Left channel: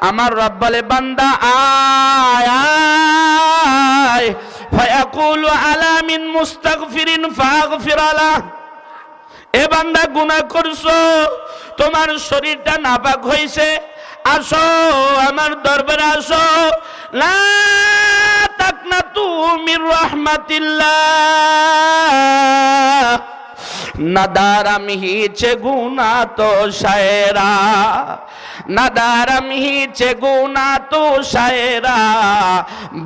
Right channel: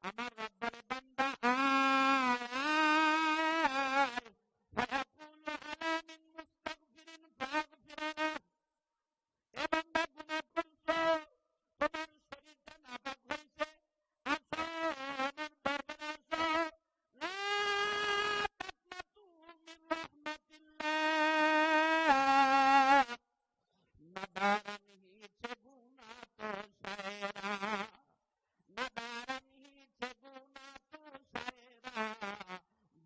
আমার রব বলে, বান্দা, আয় আয়। ফায়াকুলু আলা মিন মুস্তাগফিরিন ফাগফির আলা। এ বান্দা, গুনাহ করছ। তোমার শরীরটা নাপাক হইছে। আসো, আমার দরবারে আসো। লা তাকনাতু মির রাহমাতিল্লাহ। নদারম হিচে গুনা তো শায়রা। নদারম হিচে গুনা তো শায়রা।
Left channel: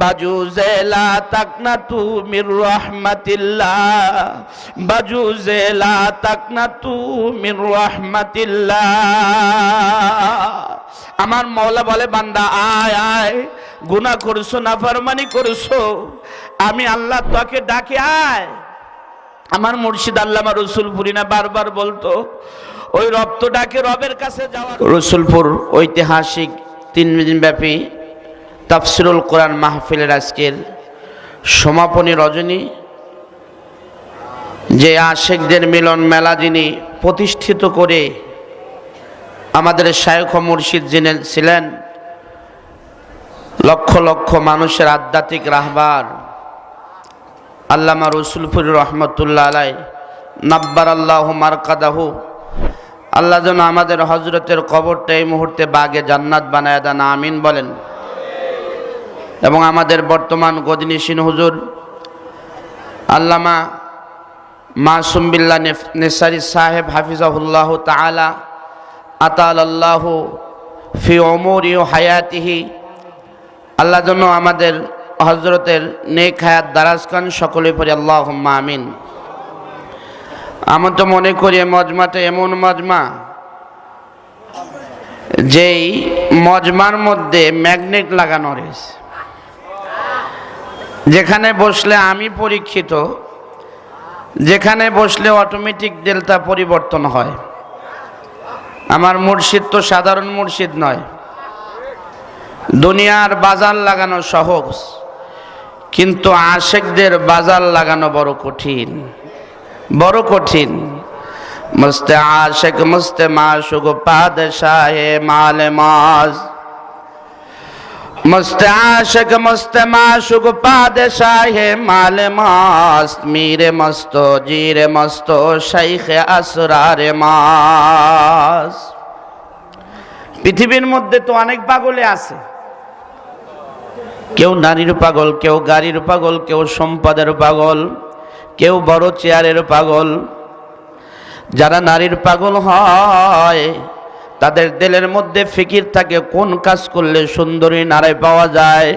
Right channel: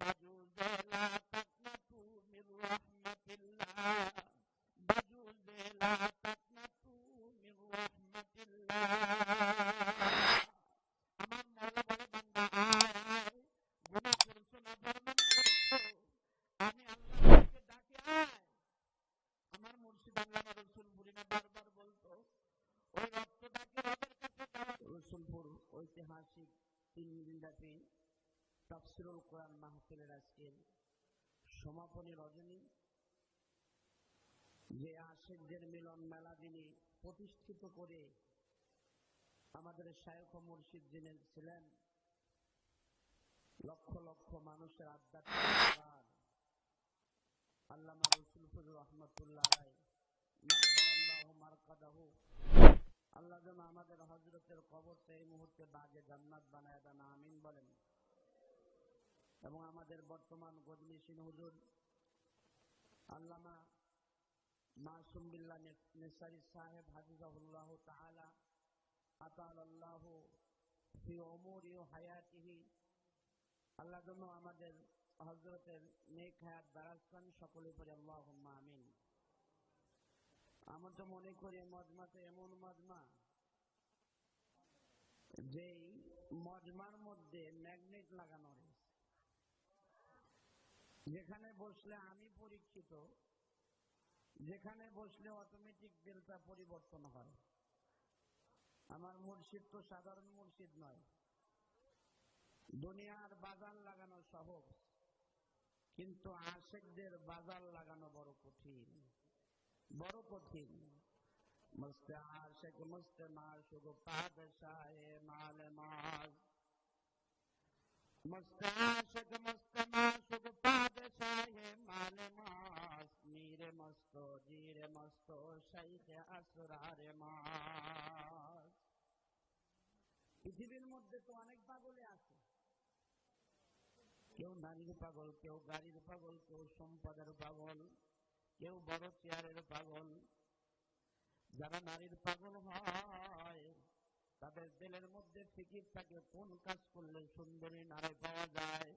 বাজু জেলা তক না তু মির রহমতিল্লাহ। বাজু জেলা তক না তু মির আমার মৌলা বলে, বান্দা, আয় আয়, গুনাহ করছ না ফরমানি করছ। আমি আল্লাহ তোকে ডাকে, আয়। আমার মুর্শিদ আল্লামা রসুলপুরি না বারবার বলতো, ওই রক্ত ডাকে রবের কাছে যাওয়া রসুলপুর ঐতিহাসিক তিন দিন ব্যাপী তাফসিরুল কোরআন মাহফিলের আজকের সমাপনী রজনী, যে আশেকদের মিলন মেলা যিনি প্রতিষ্ঠিত করে আমাদের শায়খ মুর্শিদ যিনি ছিলেন, লক্ষ লক্ষ মানুষের আধ্যাত্মিক রাহবার আল্লামা রসুলপুর রহমতুল্লাহ আলাই, নাব্বার আল্লাহ মারকাদাহু। আল্লাহ যেন আমাদের হজরতের কবরটা এই মুহূর্তে বাগে জান্নাত বানায় দেন, আমিন বলেন। এবং আমাদের বর্তমান গদিনীসীন হুজুর, আল্লামা মাসুম বিল্লা নেসারি সাহেব হাফিজাহুল্লাহ তালা আতাল আল্লাহ ফি অমরি ও হায়াতিহি। আল্লাহ যেন আমাদের হজরতের নেক হায়াত দারাজ খান সকলে পড়ি আল্লাহ আমিন। আমার তো মনে করি মজমাটা এমন মজমা, যেই মজমার মধ্যে ম্যাগনেট লাগানো রয়েছে। যেখানে বসলে আমি পরীক্ষিত, যেখানে বসলে অটোমেটিক ডেল্টা পরিবর্তন হয়। আমার মুর্শিদ তো সাধারণ মুর্শিদ নয়। দুনিয়ার বাজার লাগানো সহজ। কিন্তু আশেকদের বাজার লাগানো বড় কঠিন বড় কঠিন। মস্তে আশেক, মস্তে মাসুক পাদশাহে মালে মাজ মস্তে আশেক, মস্তে মাসুক পাদশাহে মালে মাস। মীরে মস্ত, জিরে মস্ত, শাইখে আসরারে মাস। পৃথিবীর মধ্যে তো অনেক পাগলে আছে। কেউ নারীর পাগল, কেউ গাড়ির পাগল, কেউ সম্পদের পাগল, কেউ বড় চেয়ারের পাগল। যারা নারীর পাগল হয়, তাদের দিলের মধ্যে ফিকির থাকে, কোন কাজ করলে সুন্দরী নারায় পাওয়া যায়?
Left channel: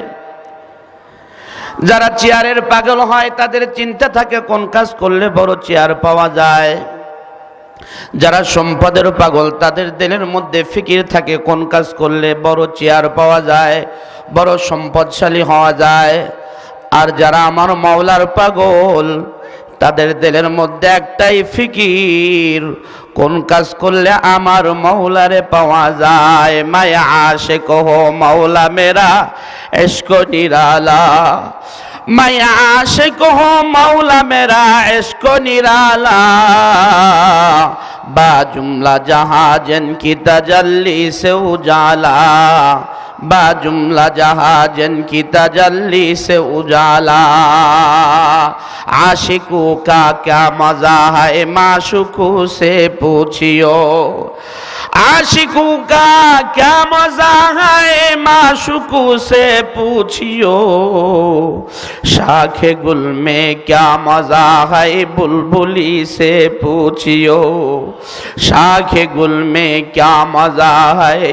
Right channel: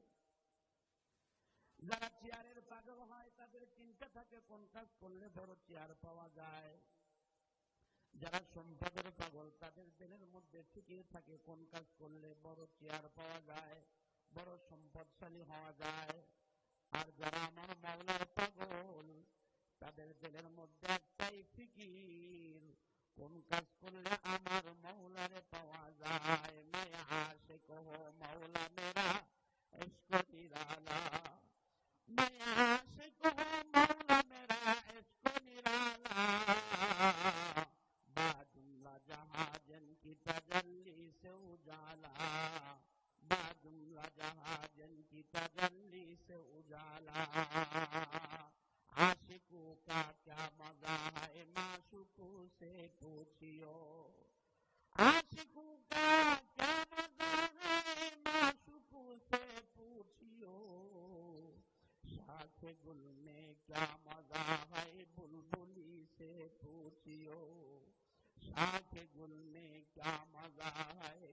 যারা চেয়ারের পাগল হয়, তাদের চিন্তা থাকে, কোন কাজ করলে বড় চেয়ার পাওয়া যায়? যারা সম্পদের পাগল, তাদের দিলের মধ্যে ফিকির থাকে, কোন কাজ করলে বড় চেয়ার পাওয়া যায়? বড় সম্পদশালী হওয়া যায়। আর যারা আমার মাওলার পাগল, তাদের দিলের মধ্যে একটাই ফিকির, কোন কাজ করলে আমার মৌলারে পাওয়া যায়? মায়া আশে কহ মৌলা মেরা এসক নিরালা। মায়া আশে কহ মৌলা মেরা এসক নিরালা। বা জুমলা জাহাজেন কি তাজাল্লি সে উজালা। বা জুমলা জাহাজেন কি তাজাল্লি সে উজালা। আশিকু কা ক্যা মজা হায়, মাশুকু সে পুছিও। आशिकों का क्या मजा है माशुकू से पूछियो शाखे गुल में क्या मजा है बुलबुली से पूछियो शाखे गुल में क्या मजा है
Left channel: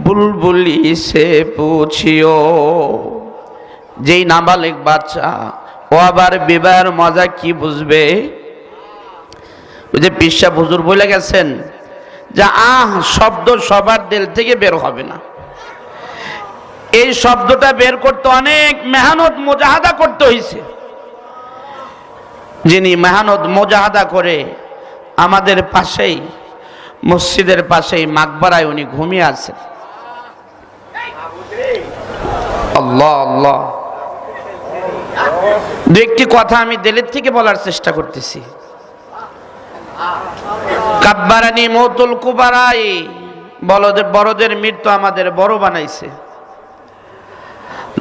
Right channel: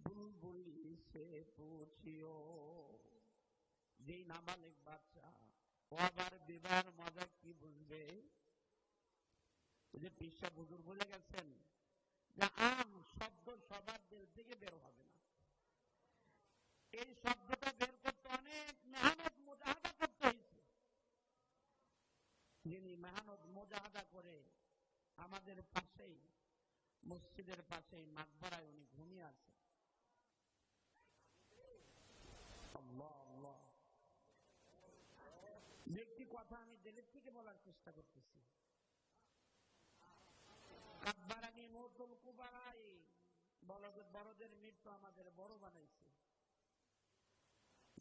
बुलबुली से पूछियो যেই নাবালিক বাচ্চা ও আবার বিবাহের মজা কি বুঝবে ওই যে পিসা হুজুর বলে গেছেন যে আহ, শব্দ সবার দিল থেকে বের হবে না। এই শব্দটা বের করতে অনেক মেহনত মোজাহাদা করতে হয়েছে যিনি মেহনত মোজাহাদা করে আমাদের পাশেই, মসজিদের পাশেই মাকবারায় উনি ঘুমিয়ে আছেন। আল্লাহ আল্লাহ। দু একটি কথা আমি দিলের থেকে বলার চেষ্টা করতেছি। কাব্বারানি মৌতুল কুবারাই। বড়দের বড়দের মৃত্যু আমাদের বড় বানাইছে।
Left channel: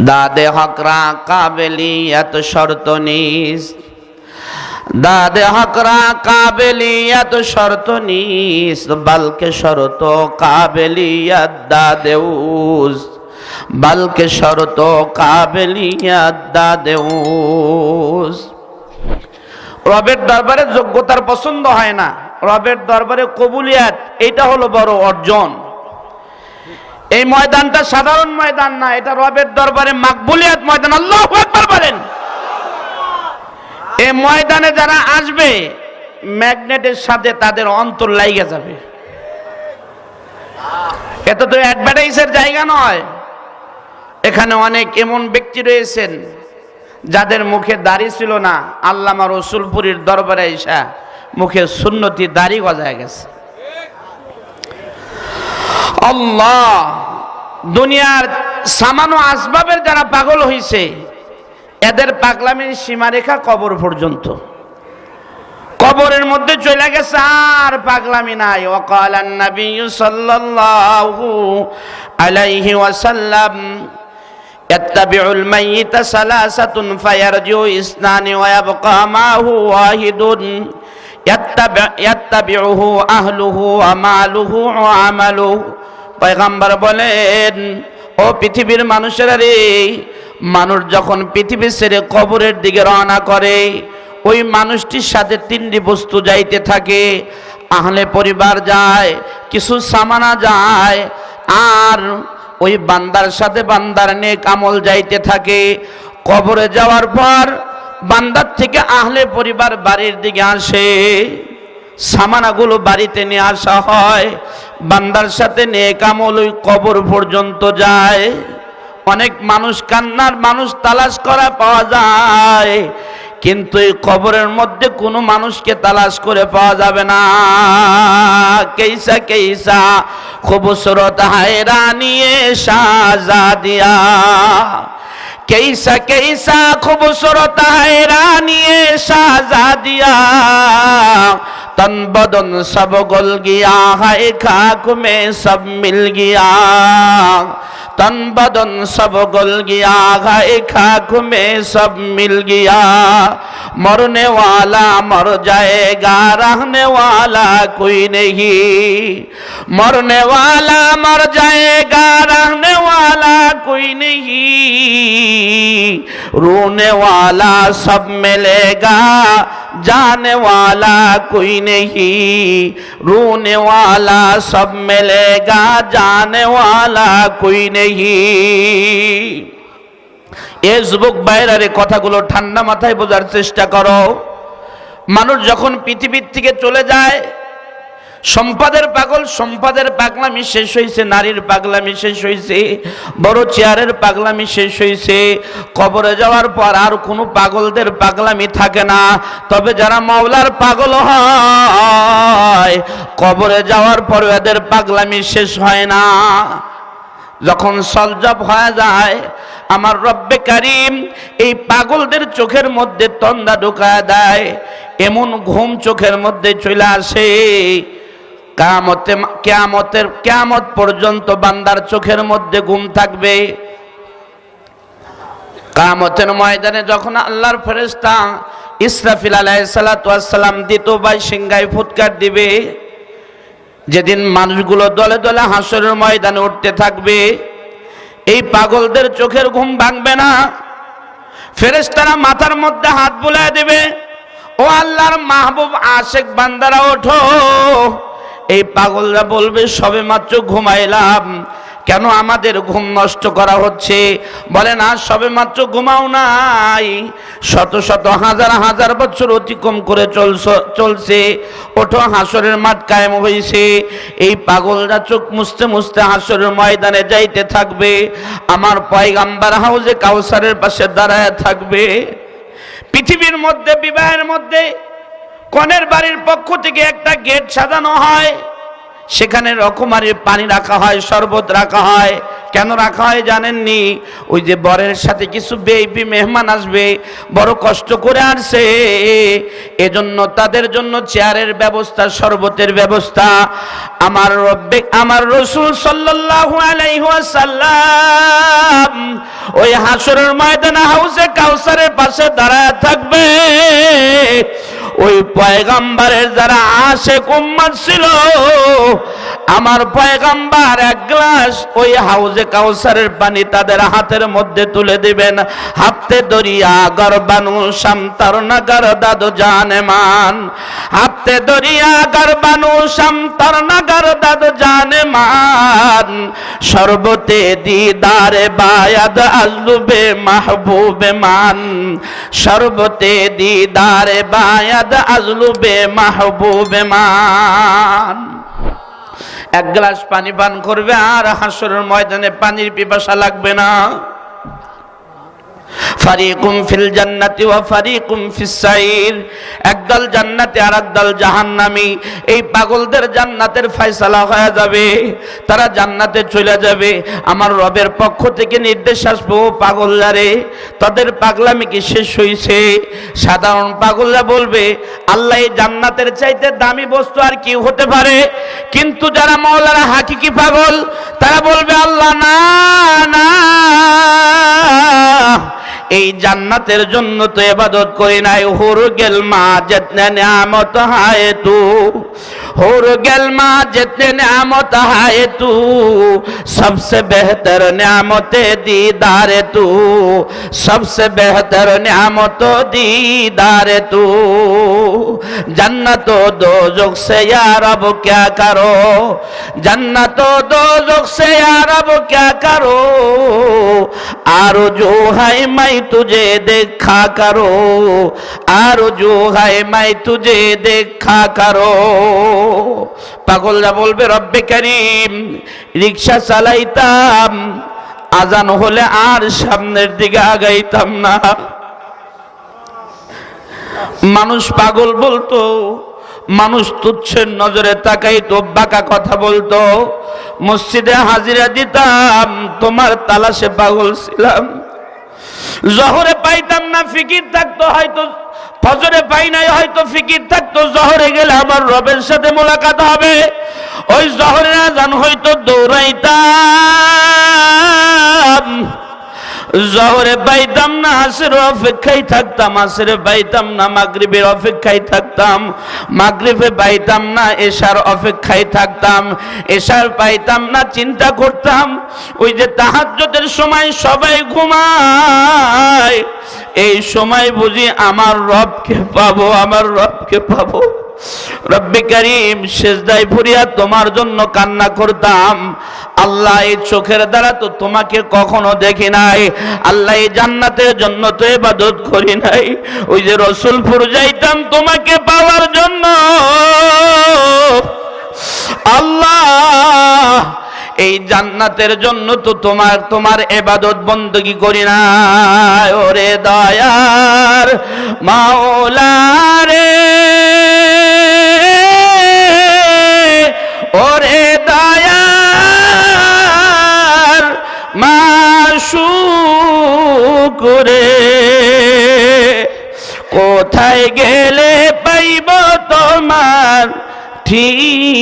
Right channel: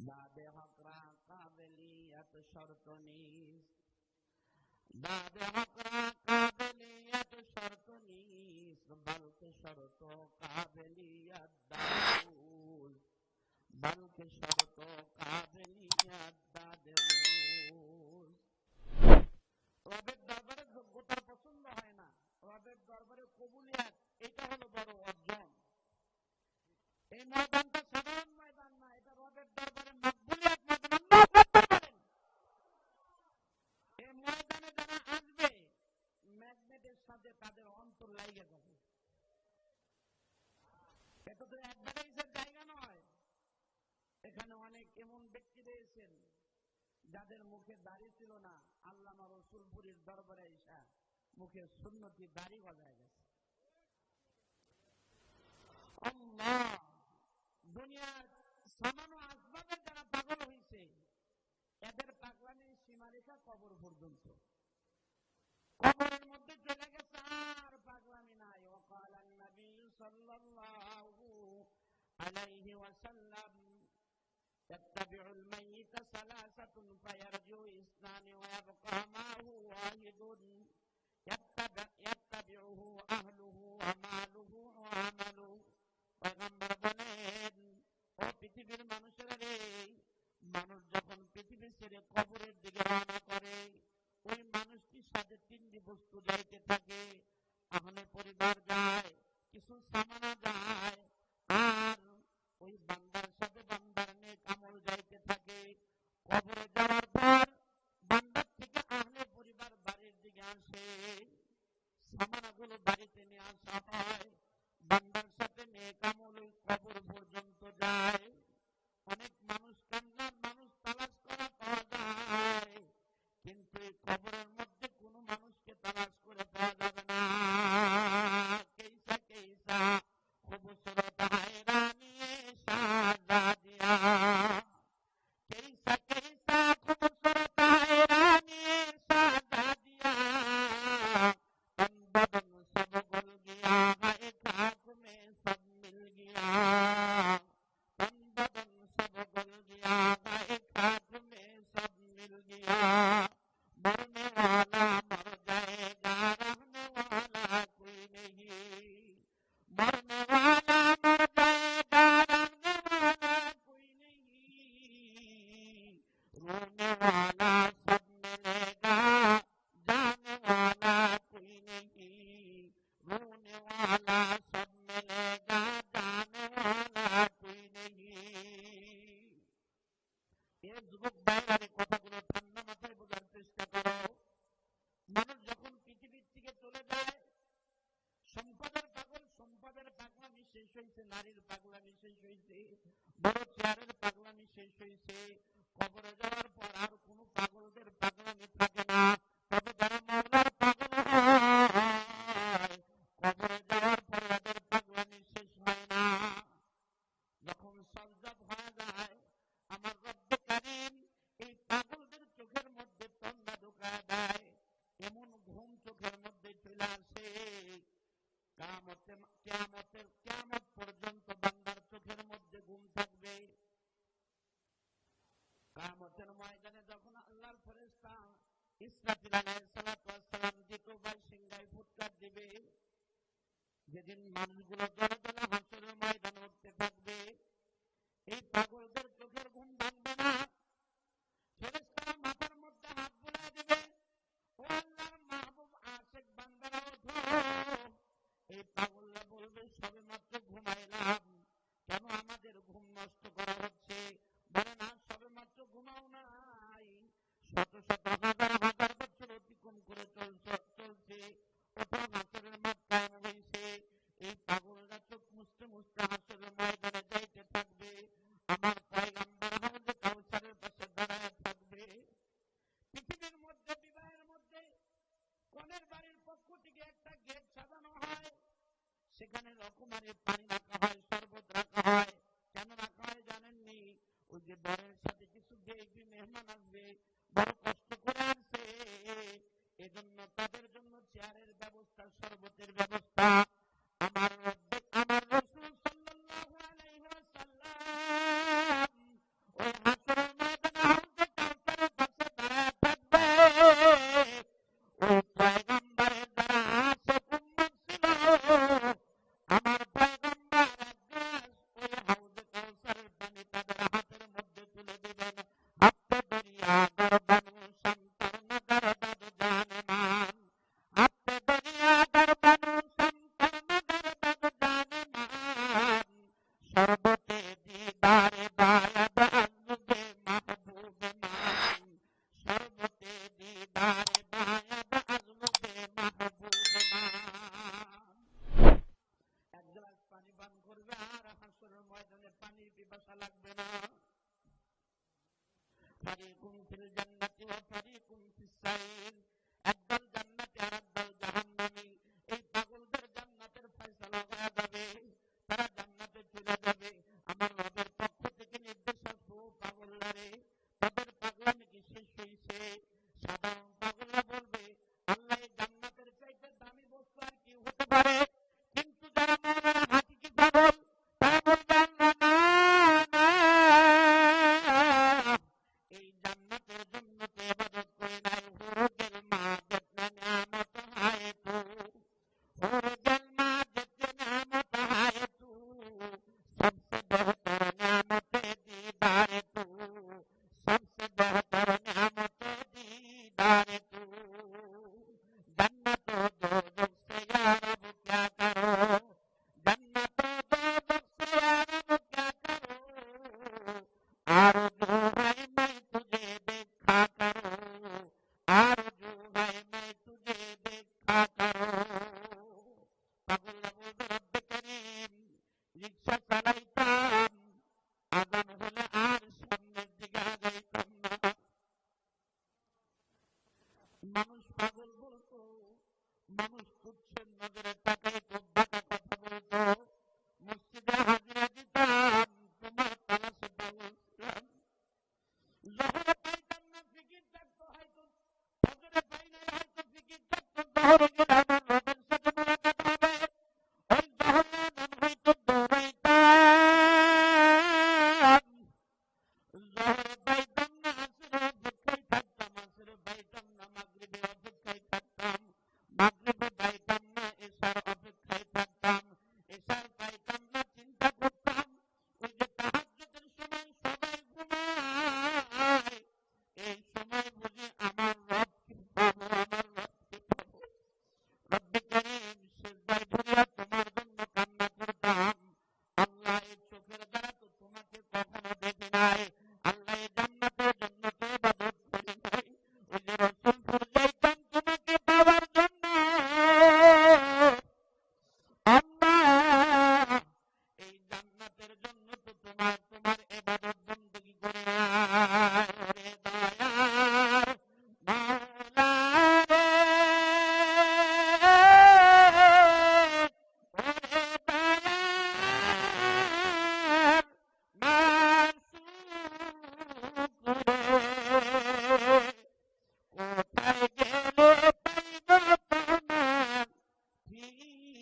দাদে হকরা কাবেলি এত শর্ত নিস। দাদে হকরা কাবেলি এত শর্ত নিস। বালকে শরত কাবেলিয়াত দাদেউস। বালকে শরত কাবেলিয়াত দাদেউস। রবের দরবারে যোগ্যতার পছন্দ হয় না। রবের দরবারে কবুলিয়াত, এটা হলো বড় অর্জন। এই ময়দানটা সাধারণ ময়দান না, এটা রবের দরবারে মাকবুলিয়াত ময়দান। আল্লাহ একবার বলেন। এই ময়দানে যারা আসবে, ম্যাগনেটের সাথে তাদের অন্তর লাইগে যাবে। এটা তো অ্যাডভার্টাইজের জায়গা নয়। এখানে অনেক এমন ব্যক্তি রয়েছেন, যাদের মুখে দাড়ি ছিল না, আল্লামা রসুলপুরীর দরবারে এসা মুখে সুন্নতি দাড়ি গজায় গেছে আল্লাহ দুনিয়ার সামান্য আসবাবের যারা পাগল হইছে এদের পাগলামির সীমারেখা কবর পর্যন্ত কবরের মধ্যে চলে গেছে আর পাগলামি নাই ওকাল নবী সাল্লাল্লাহু আলাইহি ওয়াসাল্লাম يتبع الميت ثلاثة فيرجع اثنان ويبقى معه واحد ইয়াত্তাবিউহু আহলুহু আমালুহু আমালুহু। পয়গাম্বার বলেন, ও পৃথিবীর মানুষেরা রে, মানুষ যখন পৃথিবী ছেড়ে কবরের দিকে রওনা করে, ওই মানুষটির সাথে তিনটি বস্তু যাইতে থাকে। আহলে পরিবার যায়, কিছু সামানা যায়, আর ওই বান্দার সাথে বান্দার নেক কামল যাইতে থাকে। কবরে যাওয়ার পর বান্দার থেকে আহলে পরিবার বাড়ির দিকে আসে, সামানাগুলো বাড়িতে নিয়ে আসা হয়, বান্দার সাথে নেক আমল ওই কবর পর্যন্ত যায়। অনেক মানুষ কান্নার মানুষ তালাশ করা পাওয়া যায়, কিন্তু এই কবরের মধ্যে কোনো মানুষকে তালাশ করে পাওয়া যাবে না। কেইসা কেইসা, খুবসুরত হায়রানিয়ে শাহজাদিয়া कैसा कैसा खूबसूरत है रानी शाहजादिया। तन बदन सब गुल गया है, खाक में सब मिल गया। तन बदन सब गल गया है खाक में सब मिल गया। मरने वाला मर जाएगा, रहने वाला कोई नहीं। मरने वाला मर जाएगा, रहने वाला कोई नहीं। रोने वाला सब मिलेगा जाने वाला कोई नहीं रोने वाला सब मिलेगा जाने वाला कोई नहीं এ যুবক বাইরারে কথাগুলো ঠান্ডা মাথায় বোঝার চেষ্টা করো মানুষ যখন পৃথিবীর থেকে চলে যায় সম্পাদের পাগল, সম্পাদের পাগলামি শেষ হয়েছে নারীর পাগলামি শেষ হয়েছে বড় চেয়ারের পাগলামি শেষ হয়েছে কবরে যাওয়ার পর আর কোনো পাগলদের পাগলামি থাকে না। তবে যারা মাওলার পাগল হয়, কবরে যাওয়ার পর এদের পাগলামি শেষ হয় না। যখন সলজব হয়ে যায়, আমার রব্বে কারিম এই পাগলদের চোখের মধ্যে তন্দা ঢুকায় দেয়, এমন ঘুম চোখের মধ্যে চলে আসে। কামতে কেয়ামতের কেয়ামত পর্যন্ত বান্দার চোখের মধ্যে ঘুম থাকবে। কামতের ময়দানে যখন আল্লাহর ফেরেস্তা ইসরাফিল আলাইসালাম বাই সিংগায় ফুৎকার দিবে, যেদিন মানুষগুলো দলে দলে হাসরের ময়দানে উঠতে থাকবে, এই পাগলদের চোখের ঘুম ভাঙবে না। ফেরেস্তারা মাথার মধ্যে হাত বুলায় দেবে, ও আল্লাহর মাহবুব আশেক বান্দারা, ওঠো। এই পাগলরা বলবে, সবে মাত্র ঘুমাইলাম। কেন আমাদের ঘুম নষ্ট করা হচ্ছে? বলে, না, সবে মাত্র ঘুমাও নাই। শত শত হাজার হাজার বছর অতিক্রম করে চলছ, চলছে। ওঠো, হাসরের মাঠ কায়েম হয়েছে এই পাগলরা চোখ মুছতে মুছতে হাসরের ময়দানে যাইতে থাকবে। আমার পয়গাম্বার হাউজে কাউসারের পাশে দাঁড়ায় থাকবে। পৃথিবীর মধ্যে, বিবাহের মধ্যে কনের বাড়ির পক্ষ থেকে একটা গেট সাজানো হয়। সেখানে রকমারির পানি রাখা হয়, শরবত রাখা হয়। কেন রাখা হয় জানেননি? ওই যে বরের সাথে কিছু বেবি মেহমান আসবে, বড় কষ্ট করে আসছে। এজন্য তাদের জন্য চেয়ারের ব্যবস্থা, শরবতের ব্যবস্থা। আমার রব্বে, আমার রসুল সাল্লাল্লাহু আলাইহি ওই হাসরের ময়দানে হাউসে কাউসারের পাশে দাঁড়ায় থাকবে। ওই পয়গাম্বারের যারা আসে কুম্মার ছিল, আমার পয়গাম্বার এক গ্লাস ওই হাউজে কাউসারের পানি তাদের হাতের মধ্যে তুলে দিবেন। হাতে দরিয়া গরবানু শামতার নগর দাদু জানেমান হাতে দরিয়া গরবানু শামতার নগর দাদু জানেমান সর্বতে দিদারে বায়াদ আজলুবে মাহবুবে মান। সর্বতে দিদারে বায়াদ আজলুবে মাহবুবে মান। এক গ্লাস পানি পান করবে আর হাসরের ময়দানে পানির পিপাসা লাগবে না। ফারিকুম ফিল জান্নাতি ওয়া ফারিকুম ফিস সাইর। একদল জান্নাতে আর একদল জাহান্নামী। এই পাগলদের জান্নাতের ফয়সালা হয়ে যাবে, তারা জান্নাতে চলে যাবে। আমার রবের পক্ষ থেকে নির্দেশ আসব পাগলদারে তাদের পাগলামি কি শেষ হইছে? সাধারণ পাগলরা বলবে, আল্লাহ এই জান্নাতের চাইতে দামি বস্তু আর কি হতে পারে। কিন্তু যারা মৌলারা হাকিকি পাগল, তারা বলবে, আল্লাহ না না। এই জান্নাতের জন্য তো এবাদত করি নাই। হুর গেল মা যেতনে নিয়ামত হায় তু। हूर गलमा जितने न्यामत है तू, सबसे बेहतर न्यामत दीदार तू, सबसे बेहतर न्यामत दीदार तू। जन्नत दो जुग से यार अब क्या करो? जन्नत दो जुग से यार अब क्या करो? आर जो है मैं तुझे देखा करो आर जो है मैं तुझे देखा करो। পাগলরা বলবে, রব্বে করিম রিক্সা চালাইতাম, আজান হলে আর সামনের দিকে আগাইতাম না। মানুষ পাগল বলতো, মানুষ তুচ্ছের নজরে তাকাইতো, বাঁকা কথা বলতো, মসজিদে হাজিরা দিতাম, তোমার তালাশে পাগল ছিলাম। জহরে পাইতাম না, ফিকির থাকতো, হয়তো ফজরে পাই নাই, হয়তো ফিকির থাকতো, জহরে গেলে আমার রবের সাথে মোলাকাত হবে। ওই জহরে আজান জান হয়তো দৌড়াইতাম। জহরে পাইতাম না, আসের অপেক্ষায় থাকতাম, আসের পাইতাম না, মাগরিবের অপেক্ষায় থাকতাম। মাগরিবে পাইতাম না, এশার অপেক্ষায় থাকতাম। এশার পাইতাম না, চিন্তা করতাম, ওই যে তাহাজ্জুদের সময় সবাই ঘুমায়। এই সময় বুঝি আমার রবকে পাবো, আমার রবকে পাবো। রব্বে করিম শেষদায় ফুরিয়া তোমার জন্য কান্না করতাম। আল্লাহ এই চোখের দ্বারা তো তোমাকে কখনো দেখি নাই। আল্লাহ এই জান্নাতের জন্য তো এবাদত করি নাই। ওই যে রসুলপুর যাইতাম তোমাকে পাওয়ার জন্য। আল্লাহ, এই জান্নাতের জন্য তো তোমার তোমার এবাদত বন্দগি করি না ওরে দয়ার মাওলারে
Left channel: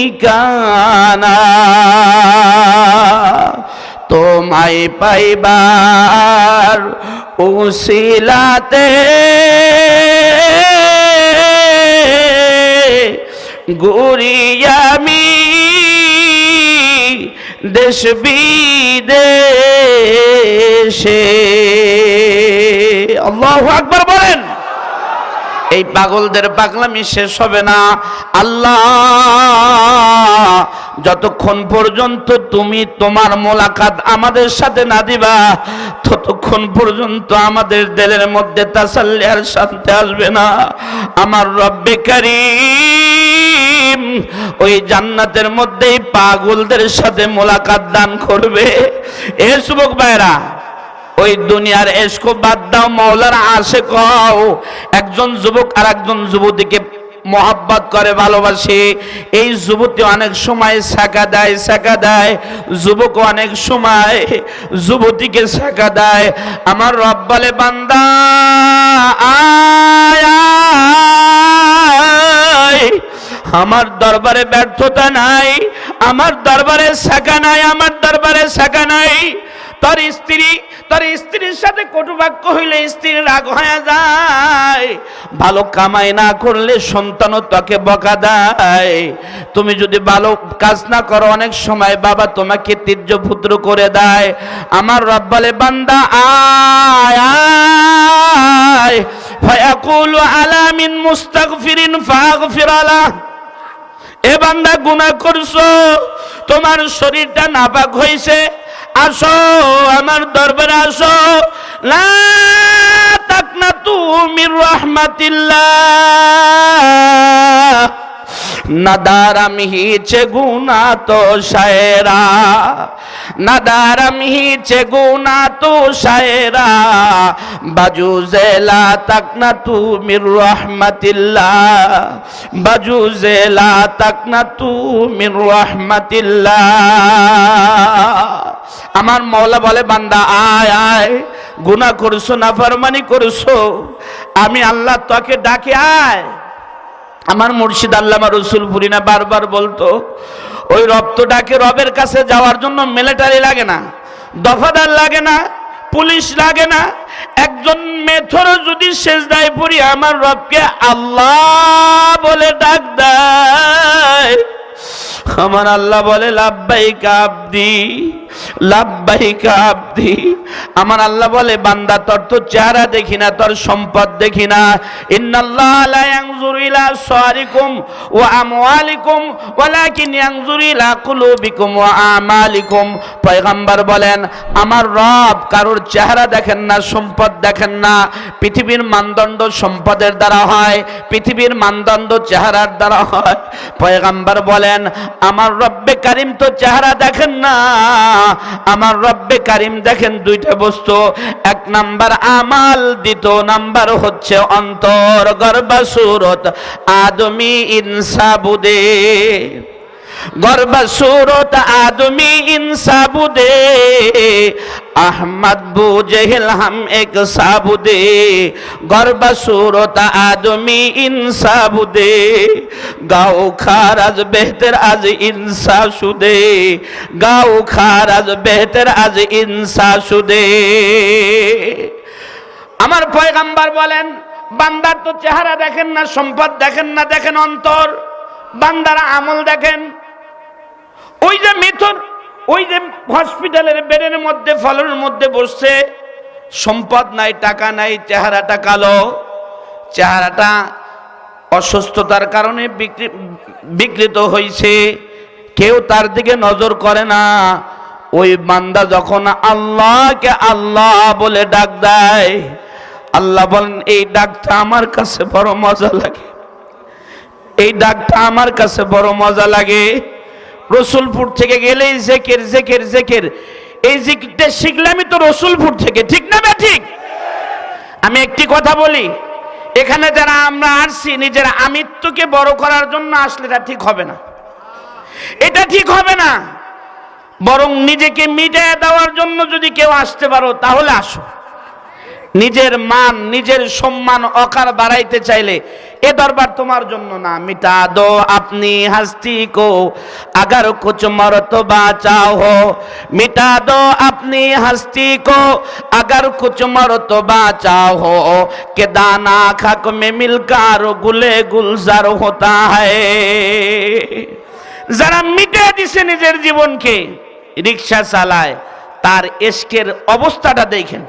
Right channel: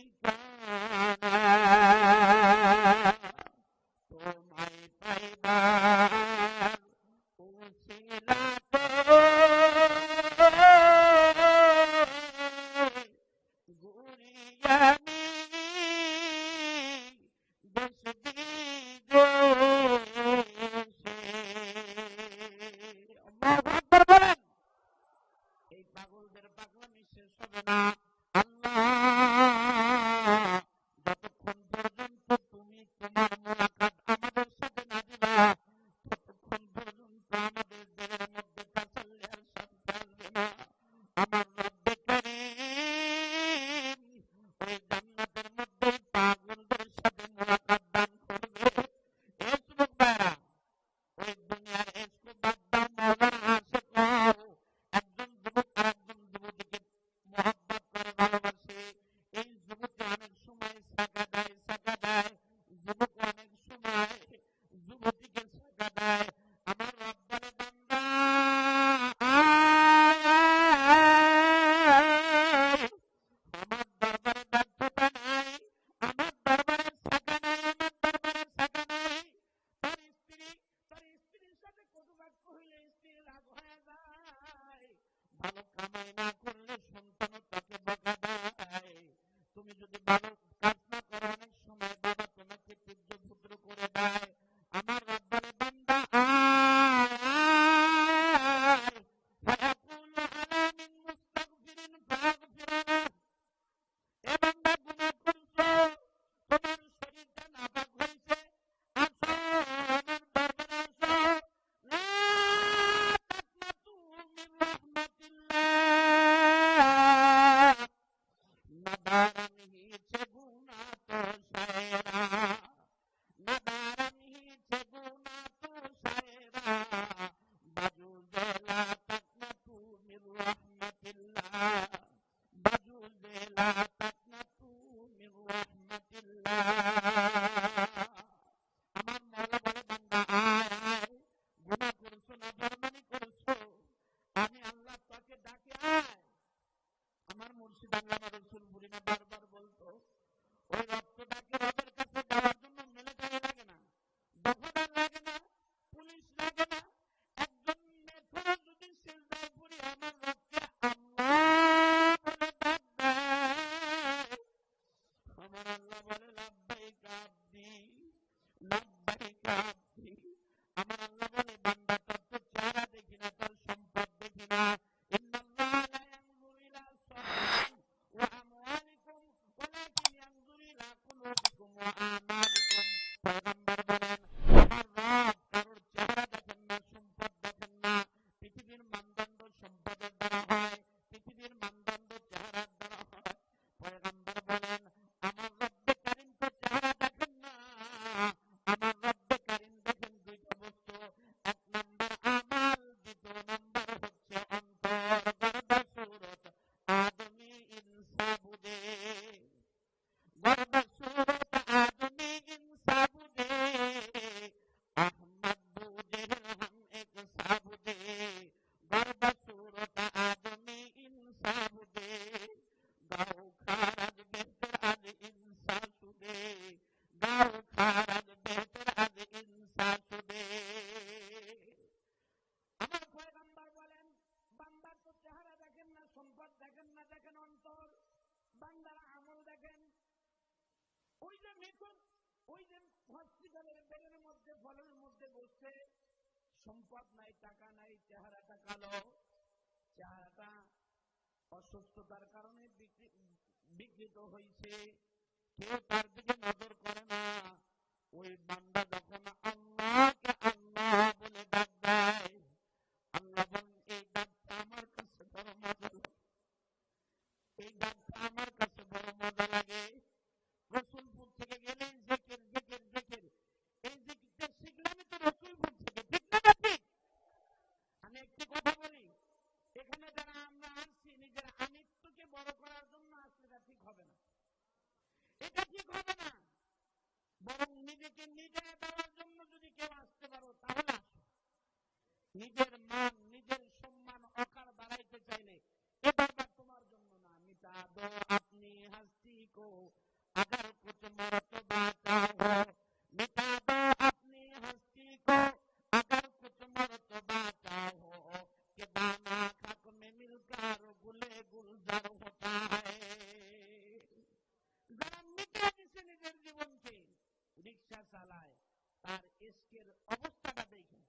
ঠিকানা। তোমায় পাইবার উশিলাতে গুরিয়ামি দেশ বিদেশে। আল্লাহ এই পাগলদের পাগলামি শেষ হবে না। আল্লাহ, যতক্ষণ পর্যন্ত তুমি তোমার মোলাকাত আমাদের সাথে না দিবা, ততক্ষণ পর্যন্ত আমাদের দেলের মধ্যে তাসাল্লি আর শান্তি আসবে না। আমার রব্বে ওই জান্নাতের মধ্যেই পাগলদের সাথে মোলাকাত দান করবে। এ যুবক ভাইরা ওই দুনিয়ার এসকো বাদ দাও মৌলার আসে কও একজন যুবক আর একজন যুবতীকে মহাব্বত করে, ভালোবাসে। এই যুবতী অনেক সময় শাখা দেয় শাখা দেয়। যুবক অনেক সময় যুবতীকে শাখা দেয়। আমার রব বলে, বান্দা। আমার দরবারে ব্যর্থতা নাই, আমার দরবারে শাখা নাই, আমার দরবারে শাখা নাই। তোর স্ত্রী তোর স্ত্রীর সাথে কটুবাক্য হইলে স্ত্রীর রাগ হয়ে যায়। ভালো কামাই না করলে সন্তানও তোকে বকা দেয়। তুমি যদি ভালো কাজ না করো, অনেক সময় বাবা তোমাকে তীর্য পুত্র করে দেয়। আমার রব্বালে বান্দা, আয় আয়। ফায়াকুলু আলা মিন মুস্তাগফিরিন ফাগফির আলা এ বান্দা, গুনাহ করছ। তোমার শরীরটা নাপাক হয়েছে আসো আমার দরবারে আসো। লা তাকনা তুমি রহমাতিল্লাহ। নদারম হিচে গুনা তো শায়রা। নদারম হিচে গুনা তো শায়রা। বাজু জেলা তক না তু মির রহমতিল্লাহ। বাজু জেলা তক না তু মির আমার মৌলা বলে, বান্দা, আয় আয় গুনা করছ না ফরমানি করছ। আমি আল্লাহ তোকে ডাকে, আয়। আমার মুর্শিদ আল্লামা রসুল পুরিনা বারবার বলতো, ওই রক্তটাকে রবের কাছে যাওয়ার জন্য মিলিটারি লাগে না, দফাদার লাগে না, পুলিশ লাগে না। একজন মেথর যদি শেষদায় পড়ি, আমার রবকে আল্লাহ বলে ডাক দেয়। আমার আল্লাহ বলে লাভবাহিকা আব্দি। আমার আল্লাহ বলে, বান্দা, তোর তো চেহারা দেখি না, তোর সম্পদ দেখি না। আমার রব কারোর চেহারা দেখেন না, সম্পদ দেখেন না। পৃথিবীর মানদণ্ড সম্পদের দ্বারা হয়, পৃথিবীর মানদণ্ড চেহারার দ্বারা হয়। পয়গম্বর বলেন, আমার রব্বে কারিম তো চেহারা দেখেন না। আমার রব্বে কারিম দেখেন দুইটা বস্তু। এক নাম্বার আমাল, দ্বিতীয় নাম্বার হচ্ছে অন্তর গর্বাসুরত আদমি ইনসাবুদে। গর্বা সুরত আদমি ইনসাবুদে, আহমদ বু জেহেল হাম এক সাবুদে। গর্বা সুরত আদমি ইনসাবুদে, গাও খারাজ বেহতের আজ ইনসা সুদে গাও খারাজ বেহতের আজ ইনসা সুদে আমার পয়গাম্বার বলেন, বান্দার তো চেহারা দেখেন না, সম্পদ দেখেন না, দেখেন অন্তর। বান্দার আমল দেখেন ওই যে মিথুন ওই যে হসপিটালের বেডের মধ্যে, ফলের মধ্যে বসছে, সম্পদ নাই, টাকা নাই, চেহারাটা কালো। চেহারাটা অসুস্থতার কারণে বিকৃ- বিকৃত হয়েছে কেউ তার দিকে নজর করে না। ওই বান্দা যখন আল্লাহকে আল্লাহ বলে ডাক দেয়, আল্লাহ বলেন, এই ডাকটা আমার কাছে বড় মজা লাগে। এই ডাকটা আমার কাছে বড় মজা লাগে। রসুলপুর থেকে গেলেই জেকের জেকের জেকের। এই জিকিরটা শিখলামই তো রসুলপুর থেকে, ঠিক না বে ঠিক? আমি একটি কথা বলি, এখানে যারা আমরা আসছি, নিজের আমিত্বকে বড় করার জন্য আসলে এটা ঠিক হবে না। এটা ঠিক হবে না। বরং নিজেকে মিটিয়ে দেওয়ার জন্য যদি কেউ আসতে পারো, তাহলে আসো। নিজের মান, নিজের সম্মান, অকার বাড়াইতে চাইলে এ দরবার তোমার জন্য না। মিটা দো আপনি হাস্তি কো, আগার কুচ মরত বাঁচাও হো। মিটা দো আপনি হাস্তি কো, আগার কুচ মরত বাঁচাও হো। কে দানা খাক মে মিলকার গুলে গুলজার হতা হে যারা মিটে দিছে নিজের জীবনকে, রিক্সা চালায়, তার এসকের অবস্থাটা দেখেন।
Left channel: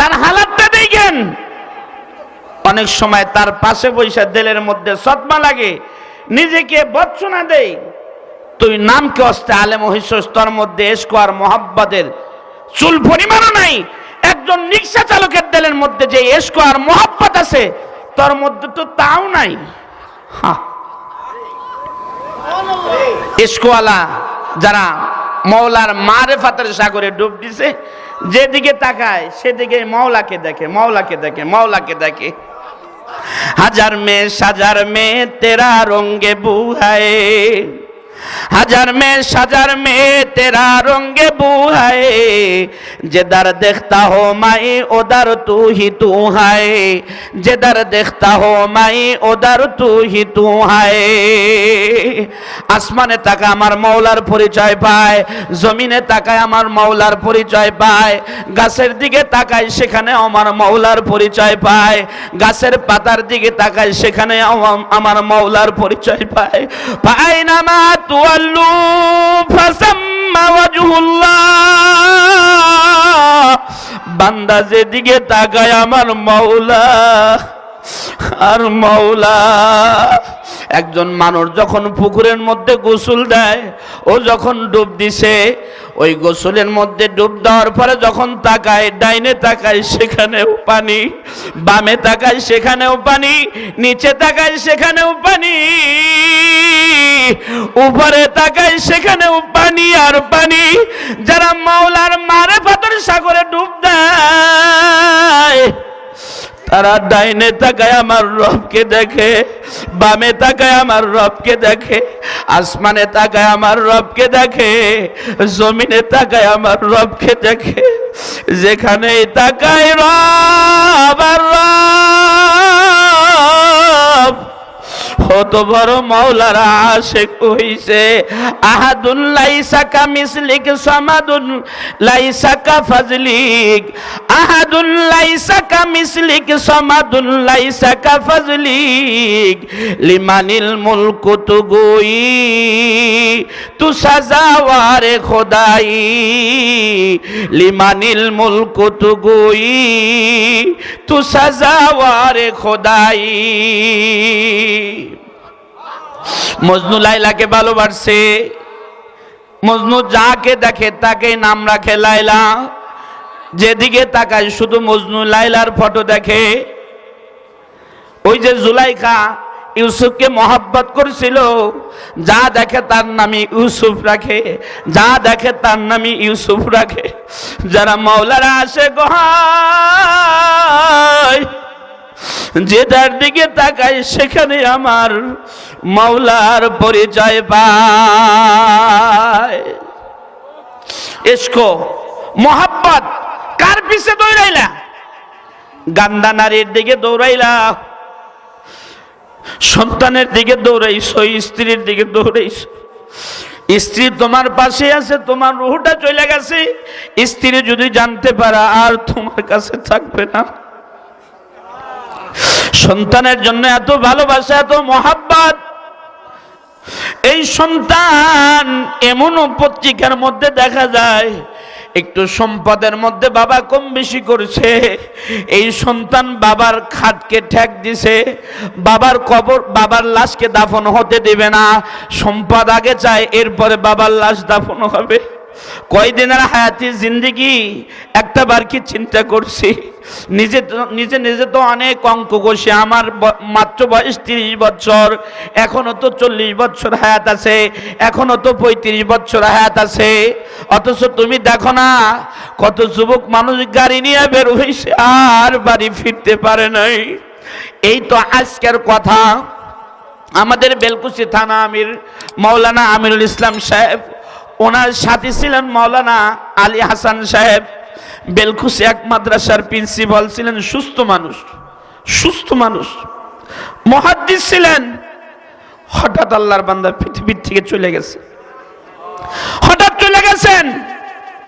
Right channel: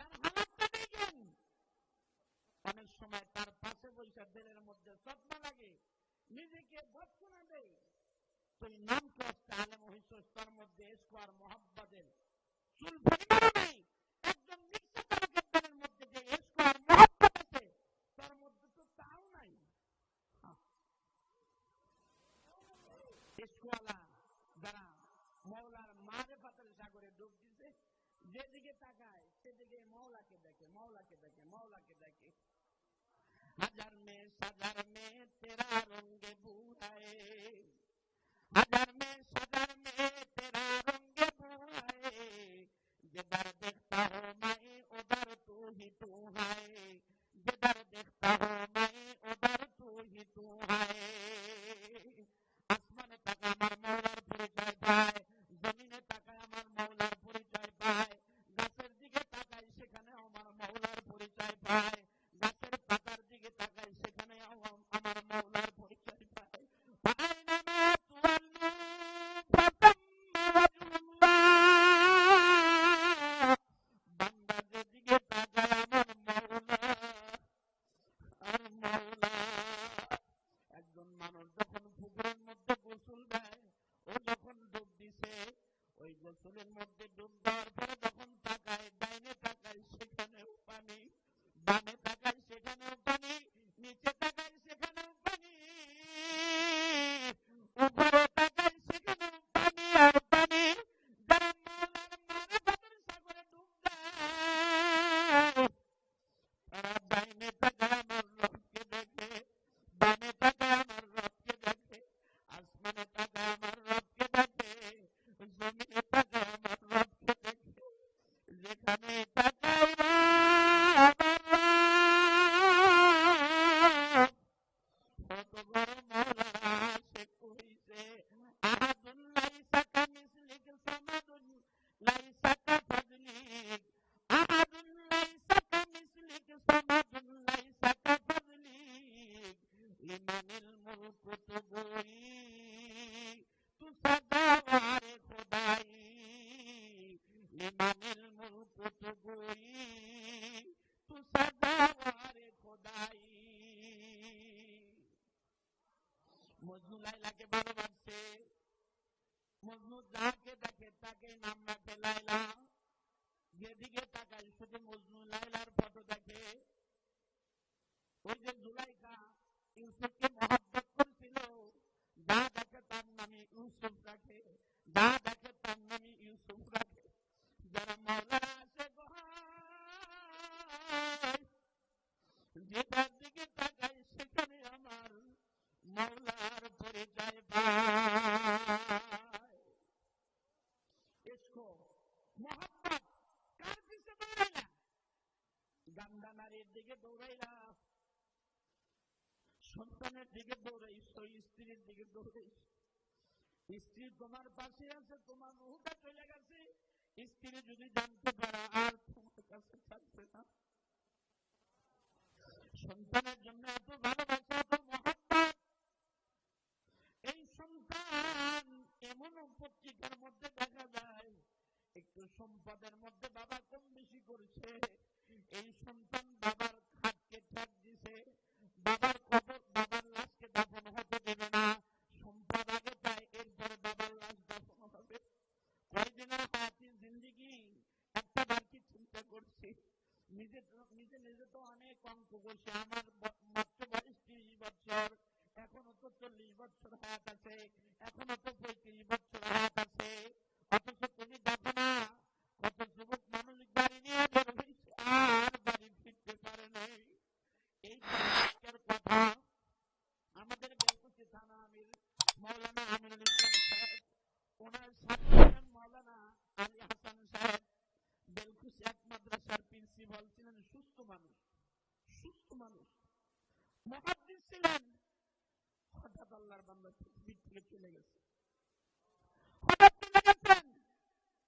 তার হালাতটা দেখেন। অনেক সময় তার পাশে বৈশা দেলের মধ্যে সৎমা লাগে, নিজেকে বচ্চনা দেই তুই নামকে অস্তে আলে মহিষস্তর মধ্যে এসকো আর মোহাব্বতের চুল পরিমাণও নাই। একজন রিক্সা চালকের দেলের মধ্যে যে এসকো আর মোহাব্বত আছে, তোর মধ্যে তো তাও নাই। ইস্কওয়ালা যারা মৌলার মারে ফাতের সাগরে ডুব দিছে। যেদিকে তাকায়, সেদিকে মৌলাকে দেখে মৌলাকে দেখে মৌলাকে দেখে। হাজার মেয়ে, সাজার মেয়ে, তেরা রঙ্গে বুহায়ে। হাজার মে সাজার মে তেরা রঙ্গে বুহায়। যেদার দেখতা হো মাই ওদার তু হি তু হায় যেদার দেখতা হো মাই ওদার তু হি তু হায় আসমানে তাকায় আমার মৌলার পরিচয় পায়, জমিনে তাকায় আমার মৌলার পরিচয় পায়, গাছের দিকে তাকায় সেখানে আমার মৌলার পরিচয় পায়, গাছের পাতার দিকে তাকায় সেখানে আমার মৌলার পরিচয় পায়। পায় না তুয়াল্লু ফাসাম্মা ওয়াজহুল্লাহ। বান্দা যেদিকে তাকায় আমার মৌলা আর মৌলা একজন মানুষ যখন পুকুরের মধ্যে গোসল দেয়, ও যখন ডুব দিছে, ওই গোসলের মধ্যে ডুব দেওয়ার পরে যখন তাকায়, ডাইনে তাকায়, সেখানেও পানি, বামে তাকায়, সেখানেও পানি, নিচে তাকায়, সেখানেও পানি, উপরে তাকায়, সেখানেও পানি আর পানি। যারা মাওলার মারে পাথর সাগরে ডুব দেয় তারা ডাইনে তাকায় আমার রবকে দেখে, বামে তাকায় আমার রবকে দেখে, আসমানে তাকায় আমার রবকে দেখে, জমিনে তাকায় আমার রবকে দেখে যেখানে তাকায় রব আর রব। কত বড় মাওলারা আশেক হইছে। আহাদুল লাইসাকা মিসলিক সামাদুল লাইসাকা ফাজলিক। আহাদুল লাইসাকা মিসলিক সামাদুল লাইসাকা ফাজলিক। লিমানিল মুলকু তুগুই তু সাজাওয়ারে খোদাই। লিমানিল মুলকু তুগুই তু সাজাওয়ারে খোদাই। মজনু লাইলাকে ভালোবাসছে মজনু যাকে দেখে তাকে নাম রাখে লাইলা। যেদিকে তাকায় শুধু মজনু লাইলার ফটো দেখে। ওই যে জুলাইখা ইউসুফকে মহাব্বত করেছিল, যা দেখে তার নামে ইউসুফ রাখে, যা দেখে তার নামে ইউসুফ রাখে। যারা মাওলারা আসে গহায় যেটার দিকে তাকাই সেখানে আমার মাওলার পরিচয় পায়। এসকো কার পিছে দৌড়াইলা? গান্দা নারীর দিকে দৌড়াইলা। সন্তানের দিকে দৌড়াইছো, স্ত্রীর দিকে দৌড়াইছো। স্ত্রী তোমার পাশে আছে, তোমার রুহটা চলে গেছে। স্ত্রী যদি জানতে পারা, আর তোমার কাছে থাকবে না। সন্তানের জন্য এত ভালোবাসা, এত মহাব্বত। এই সন্তান এমনও পত্রিকার মধ্যে দেখা যায়, একটু সম্পদের মধ্যে বাবা কম বেশি করছে, এই সন্তান বাবার খাটকে ঠেক দিছে, বাবার কবর, বাবার লাশকে দাফন হতে দেবে না, সম্পদ আগে চায়, এরপরে বাবার লাশ দাফন হবে। কয়দিনের হায়াতি জিন্দিগি একটা বার কি চিন্তা করছি? নিজে নিজে নিজে তো অনেক অঙ্ক কষে, আমার মাত্র বয়স তিরিশ বছর, এখনও তো চল্লিশ বছর হায়াত আছে, এখনও তো পঁয়ত্রিশ বছর হায়াত আছে। অথচ তুমি দেখো না, কত যুবক মানুষ গাড়ি নিয়ে বের হয়েছে আর বাড়ি ফিরতে পারে নাই। এই তো আজকের কথা। আমাদের বেলকুচি থানা আমির, মৌলানা আমিরুল ইসলাম সাহেব ওনার সাথী ছিলেন মৌলানা আলী হাসান সাহেব। বেলখুশি এক মাদ্রাসার প্রিন্সিপাল ছিলেন, সুস্থ মানুষ সুস্থ মানুষ। মহাদ্দিস ছিলেন। হঠাৎ আল্লাহর বান্দা পৃথিবীর থেকে চলে গেছে। হঠাৎ চলে গেছেন।